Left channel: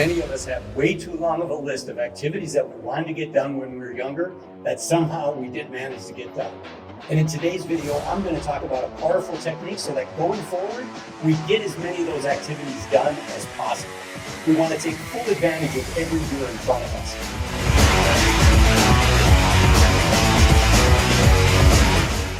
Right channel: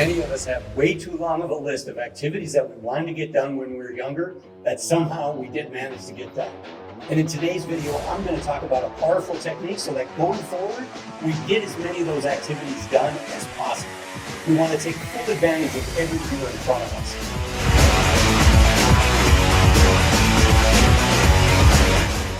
Many of us have way too long of a list of activities that we wanted to get done when we were younger that somehow we didn't manage to get done. And in today's video, I'm going to talk about a powerful technique so that going forward, we get as many of those activities done as possible. We want to take full advantage of every year in front of us.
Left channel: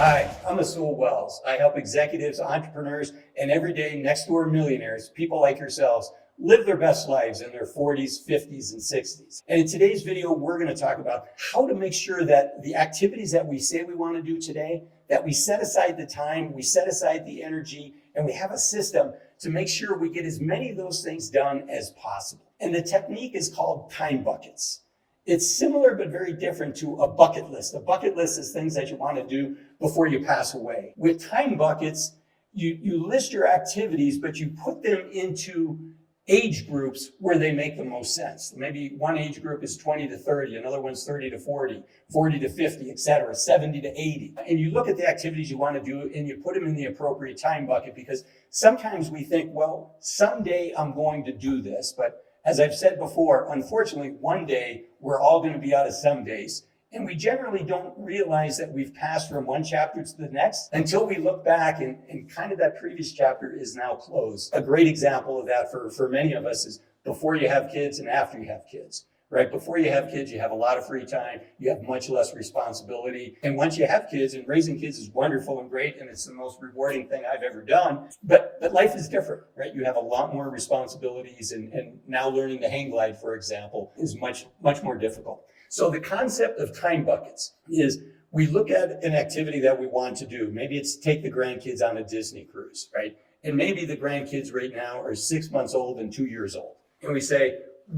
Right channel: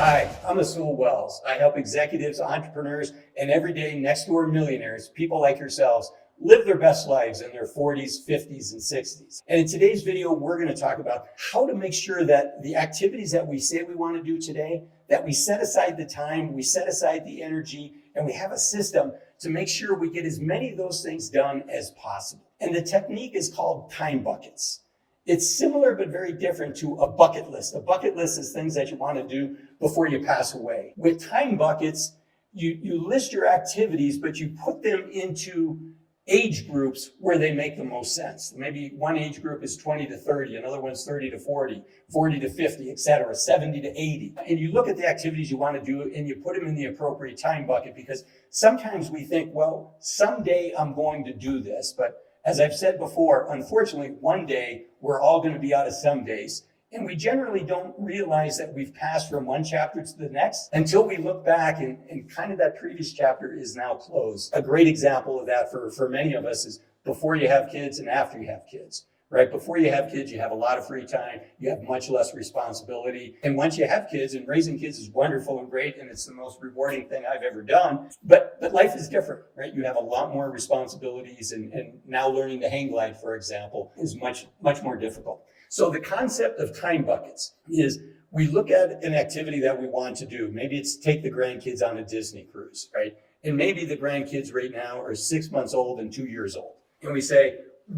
Hi, I'm Azul. I help executives, entrepreneurs, and everyday next-door millionaires, people like yourselves, live their best lives in their 40s, 50s, and 60s. And in today's video, we're going to talk about how to make sure that the activities that we say we want to do today, that we set aside the time, we set aside the energy, and we have a system to make sure we get as many of those things done as possible. And the technique is called time buckets. It's similar but very different to a bucket list. A bucket list is things that you want to do before you pass away. With time buckets, you list your activities, but you put them into age groups where they make the most sense. Maybe one age group is 20 to 30, another one's 30 to 40, 40 to 50, etc., 70 to 80. And you look at the activities you want to do and you put them in the appropriate time bucket, because sometimes we think, well, someday I'm going to do this. But as I've said before, unfortunately, one day we're all going to be out of some days. And we generally don't realize that we've passed from one chapter to the next until we look back and kind of that previous chapter is now closed. A great example of that for many of us is before you have kids and after you have kids, right? Before you have kids, you have a lot of free time. You have much less responsibility. And once you have kids, and raising kids is wonderful and great, and it's the most rewarding thing I've ever done, but life is different, right? You have a lot more responsibilities, and now learning to hang glide, for example, is much more difficult. So the concept of time buckets is we look at an activity that we want to do. Maybe it's take the grandkids on a Disney cruise, right? And maybe the grandkids right now are 6 months old and 2 years old. And we say,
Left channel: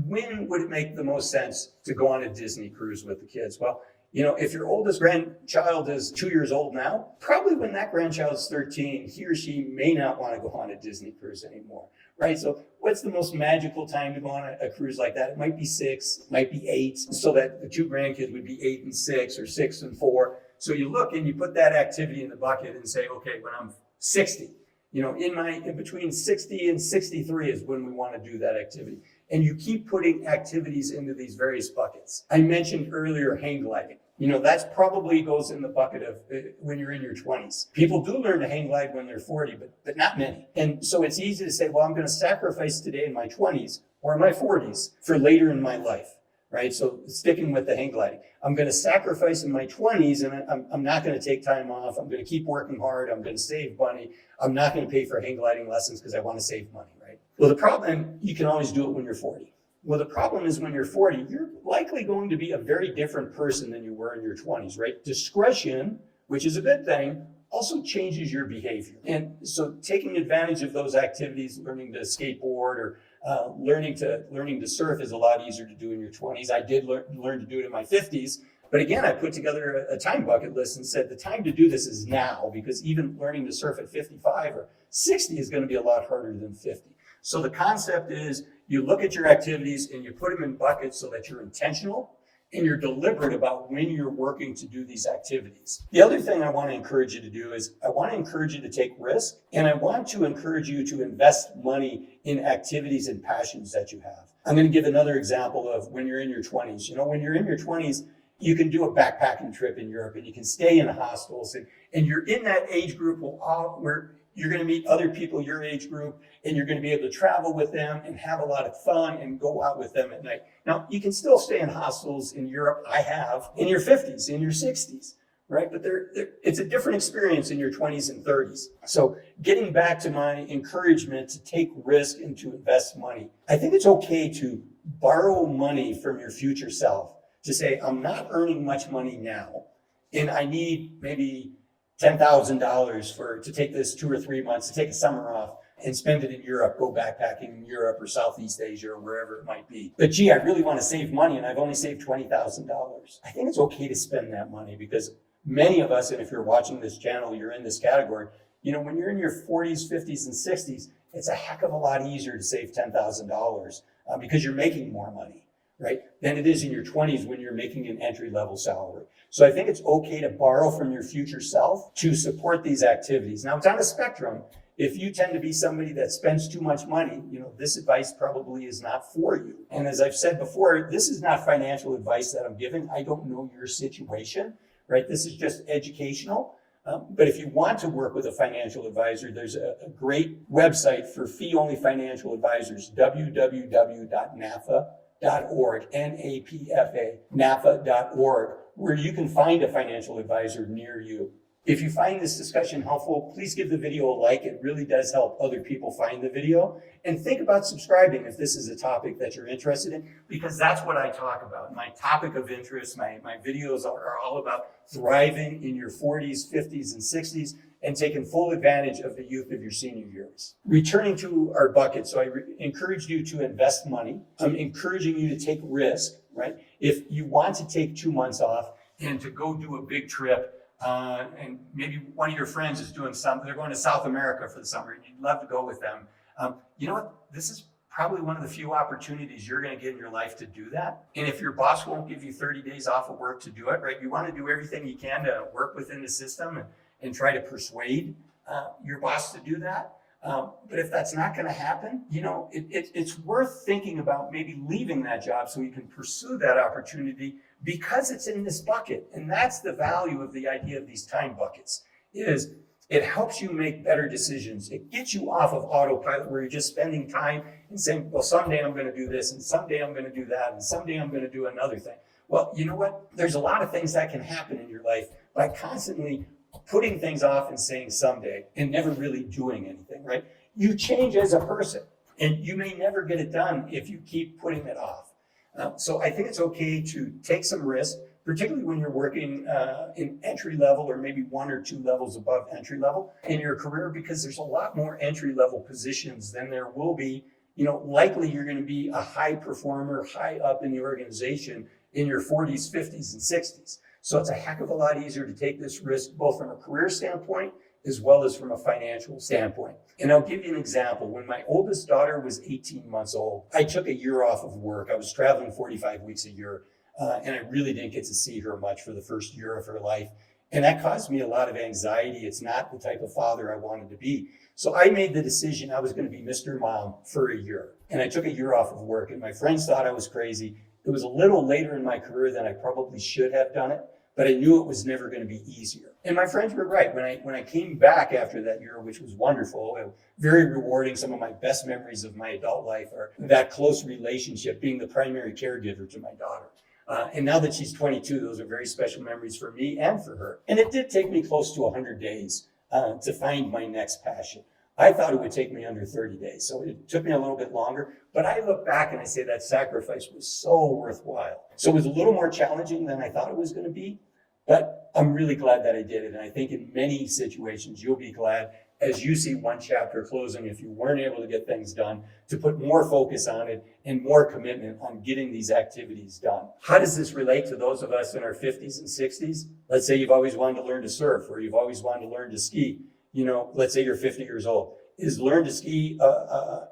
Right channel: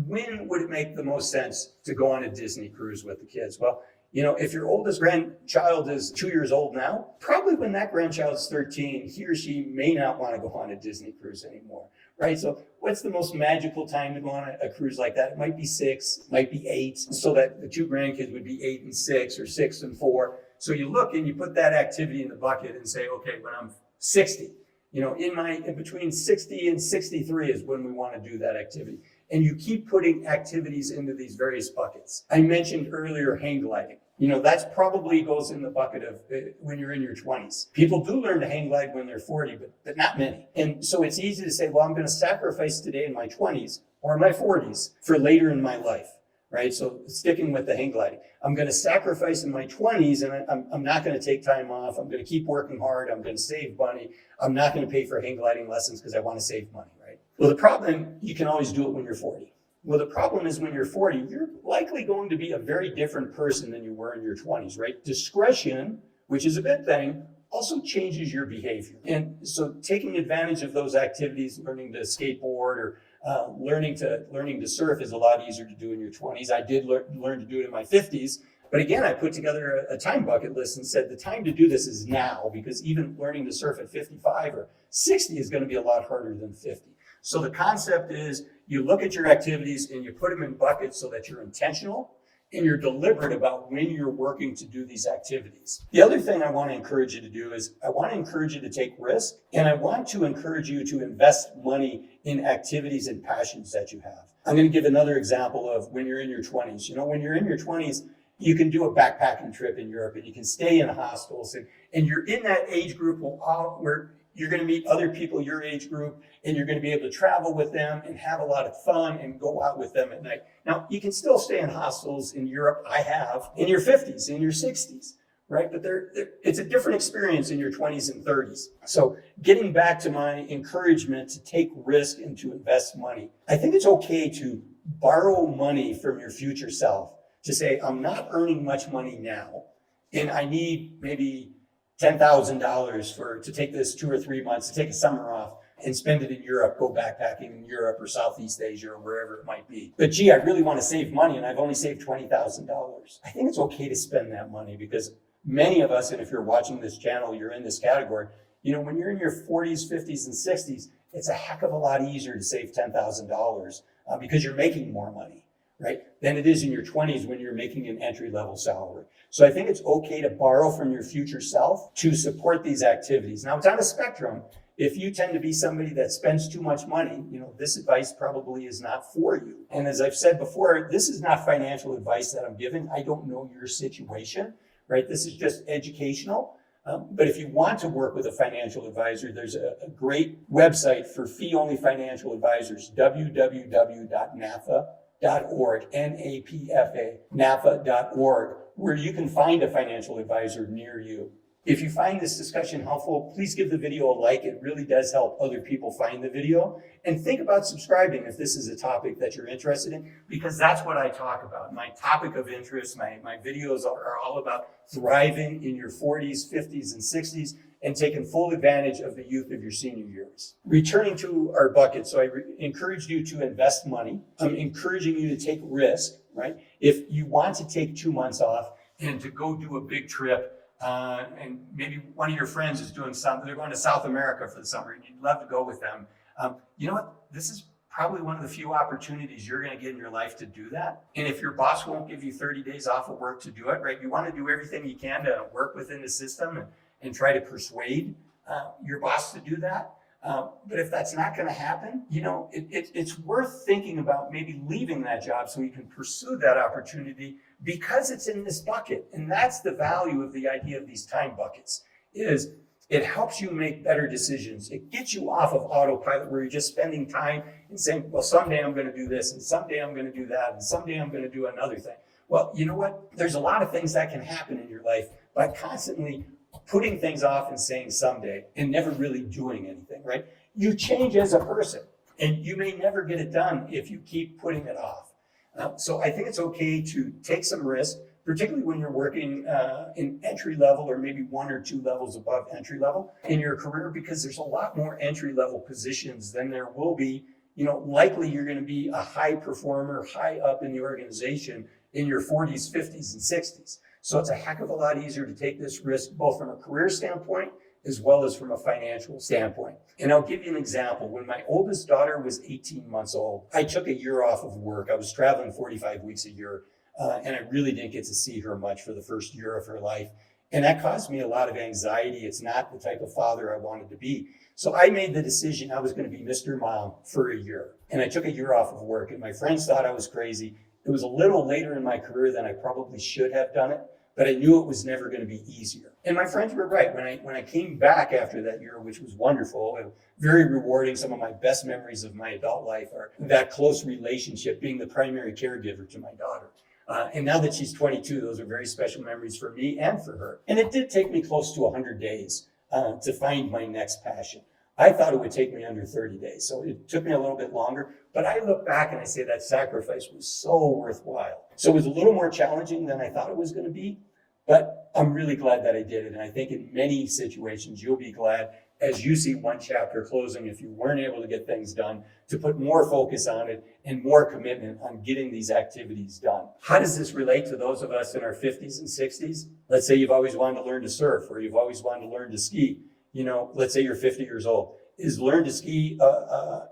when would it make the most sense to go on a Disney cruise with the kids? Well, you know, if your oldest grandchild is 2 years old now, probably when that grandchild's 13, he or she may not want to go on a Disney cruise anymore, right? So what's the most magical time to go on a cruise like that? It might be 6, might be 8, so that the two grandkids would be 8 and 6 or 6 and 4. So you look and you put that activity in the bucket and say, okay, when I'm 60, you know, in between 60 and 63 is when we want to do that activity. And you keep putting activities into these various buckets. I mentioned earlier hang gliding. You know, that's probably goes in the bucket of when you're in your 20s. People do learn to hang glide when they're 40, but not many. And so it's easy to say, well, I'm going to sacrifice today in my 20s or my 40s for later in my life, right? So sticking with the hang gliding, I'm going to sacrifice in my 20s, and I'm not going to take time off. I'm going to keep working hard. I'm going to save money. I'm not going to pay for hang gliding lessons because I want to save money, right? Well, the problem, you can always do it when you're 40. Well, the problem is when you're 40, you're likely going to be a very different person than you were in your 20s, right? Discretion, which is a good thing, also changes your behavior. And so taking advantage of those activities, learning to skateboard or learning to surf is a lot easier to do in your 20s. I did learn to do it in my 50s. But again, I put together a time bucket list and said the time to do this is now, because even learning to surf at 55 or 60 is going to be a lot harder than 50. So the concept is you look at your activities and you put them in buckets so that you're intentional and you're deliberate about when you're working to do these activities. The other thing I want to encourage you to do is I want to encourage you to take risk, and I want to encourage you to invest money in activities and passions that you have. I'm going to give another example of when you're in your 20s. You know, when you're in your 20s, you can do a backpacking trip in Europe and you can stay in hostels, and you're in that age group where you're going to meet other people your age group, and you're going to be able to travel with them and have a lot of fun and go out with them at night. Now, you can still stay in hostels in Europe. I have in your 50s, in your 60s, right? But it's a different experience in your 20s and 30s. So getting back to my encouragement to take risk and to invest money, I think it's okay to borrow money from your future self to say, I'm not earning much money now, and I need maybe $10,000 to take this 2 or 3 months, to take a summer off and spend it in Europe, go backpacking in Europe or Southeast Asia or wherever it might be. But gee, I really want to save money and I've only saved $20,000. I think it's okay to spend that money, because many of us, and if you're watching this channel, you're in this category, you know, when you're in your 40s, 50s, and 60s, it's a heck of a lot easier to save $10,000 because you're making more money, right, than it is in your 20s when you're making an entry-level salary. So I think it's okay to borrow from your future self to support these activities. Now, it's on a spectrum, If you tend to be somebody that spends too much money, this advice probably is not for you. And as I've said before, this is not financial advice that I'm giving. I don't know your situation, right? This is just educational. But if you want to work with a financial advisor, there's a great website for fee-only financial advisors, www.nafa.org, N-A-P-F-A, nafa.org, where you can find a financial advisor near you. If you find this discussion helpful, please give the video a like. It really does help other people find the video. And think about subscribing if this is a topic that you're interested in, because that's what I talk about. My topic of interest, my videos are all about thriving in your 40s, 50s, and 60s and taking full advantage of the youth of your senior years. Returning to our bucket, so I encourage you to invest money. I'm encouraging you to take risk, right? If you want to take 2 months off and to go do a big trip, and maybe one of your friends is doing something, they're going to South America for the summer and you'd love to go with them. You know what? This is probably one of the few opportunities you're going to get in your life to do that. And if your boss won't give you 30 days off of work to do it, right? You want to do everything you can to work within the system and try to persuade your boss to do that. But if that's not going to happen, it's worth thinking about maybe leaving that job so you can pursue that opportunity because it's in this bucket. And that's the value of the idea of these time buckets, is it helps you make better decisions. It gets you off of autopilot where you're just spending time and saying, well, someday I'm going to do this, and someday I'm going to do that, and someday I'm going to do another thing. Well, you know what? There's a lot of things that can happen in your life by constantly putting things off and saying someday and never really doing anything, right? You change as a person, and you may never get it done if you keep putting it off. So I think it's okay to take some risk, particularly when you're working in entry level or maybe 1 or 2 levels above entry level in your career, because there's a lot more entry level positions than there will be. Likely you're going to be a high performer, high up in the organization in your 40s, 50s, and 60s. So it's a heck of a lot easier to take this risk, both from a career standpoint as well as from a financial standpoint. And I'll give you an example. When my oldest daughter was 18 months old, I took a year off of work. I was traveling 45 weeks a year, and I really didn't get to see her much for the first year of her life. And that caused me a lot of anxiety. It's not the type of father I wanted to be. So I made the decision I was going to be Mr. Mom for a year. And I took a year off of work, and my friends thought I was crazy. It was a little later in my career than I probably should have done it, but I knew it was never going to be easier. And my friends were right. When I came back after that year, which was wonderful and very rewarding, some of my best memories of my adult life are that close relationship, being the primary caregiver to my daughter. And now that she's 22, those are very special memories for me and for her. And it did take me close to 100 days to find my next passion. I thought it would take me under 30 days. So it took me a little bit longer, but I look back and I say that sacrifice was so worthwhile. So it was a little more challenging than I thought it was going to be, but I'm really glad that I did it. And I think in many situations, you'll be glad as you see one chapter closing, if you weren't able to get things done, to put more focus on it and more commitment on getting these activities done. How does this relate to those of us in our 50s and 60s? Let's say you've always wanted to learn to surf, or you've always wanted to learn to ski. Let's say you're 50 years old. Is learn to ski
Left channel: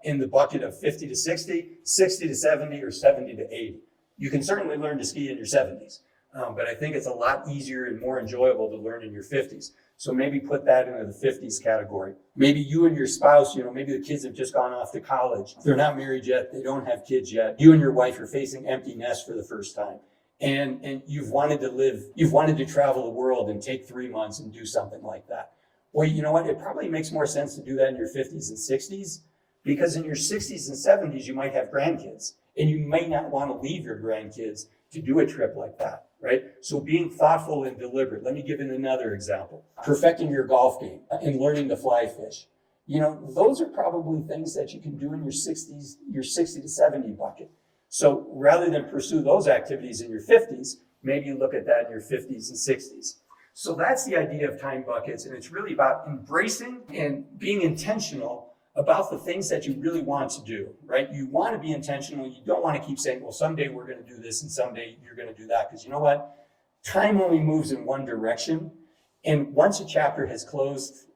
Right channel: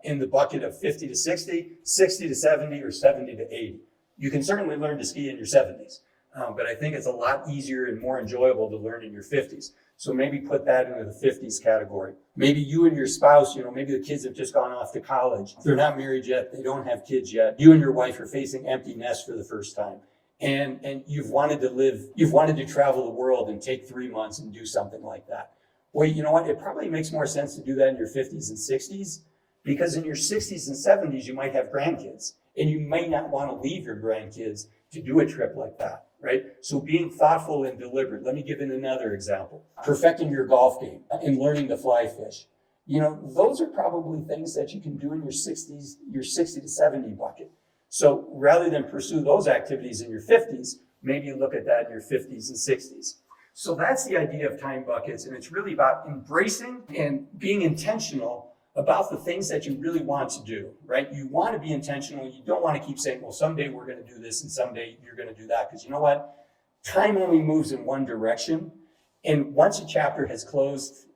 in the bucket of 50 to 60, 60 to 70, or 70 to 80? You can certainly learn to ski in your 70s, but I think it's a lot easier and more enjoyable to learn in your 50s. So maybe put that into the 50s category. Maybe you and your spouse, maybe the kids have just gone off to college. They're not married yet. They don't have kids yet. You and your wife are facing empty nest for the first time. And you've wanted to travel the world and take 3 months and do something like that. Well, you know what? It probably makes more sense to do that in your 50s and 60s, because in your 60s and 70s, you might have grandkids, and you may not want to leave your grandkids to do a trip like that, right? So being thoughtful and deliberate. Let me give you another example. Perfecting your golf game and learning to fly fish. Those are probably things that you can do in your 60s, your 60 to 70 bucket. So rather than pursue those activities in your 50s, maybe you look at that in your 50s and 60s. So that's the idea of time buckets, and it's really about embracing and being intentional about the things that you really want to do, right? You want to be intentional. You don't want to keep saying, well, someday we're going to do this and someday you're going to do that, because you know what? Time only moves in one direction, and once a chapter has closed,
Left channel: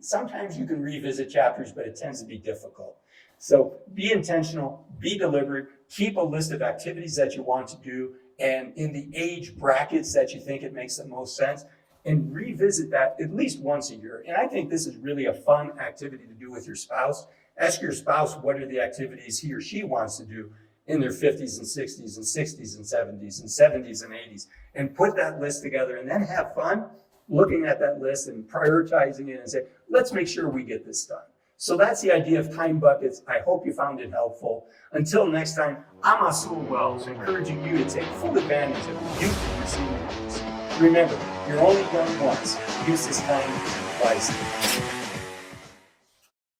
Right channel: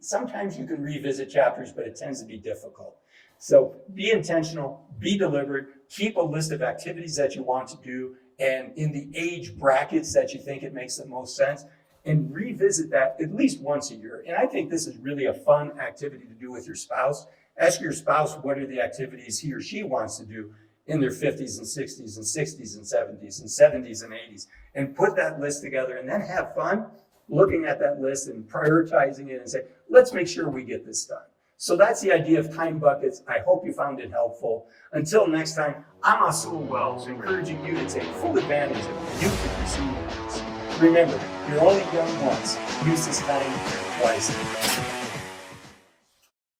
sometimes you can revisit chapters, but it tends to be difficult. So be intentional, be deliberate, keep a list of activities that you want to do, and in the age brackets that you think it makes the most sense, and revisit that at least once a year. And I think this is really a fun activity to do with your spouse. Ask your spouse what are the activities he or she wants to do in their 50s and 60s and 60s and 70s and 70s and 80s, and put that list together, and then have fun looking at that list and prioritizing it and say, let's make sure we get this done. So that's the idea of time buckets. I hope you found it helpful. Until next time, I'm Azul Wells, encouraging you to take full advantage of the youth of your senior years. Remember, you're only young once. Use this time wisely.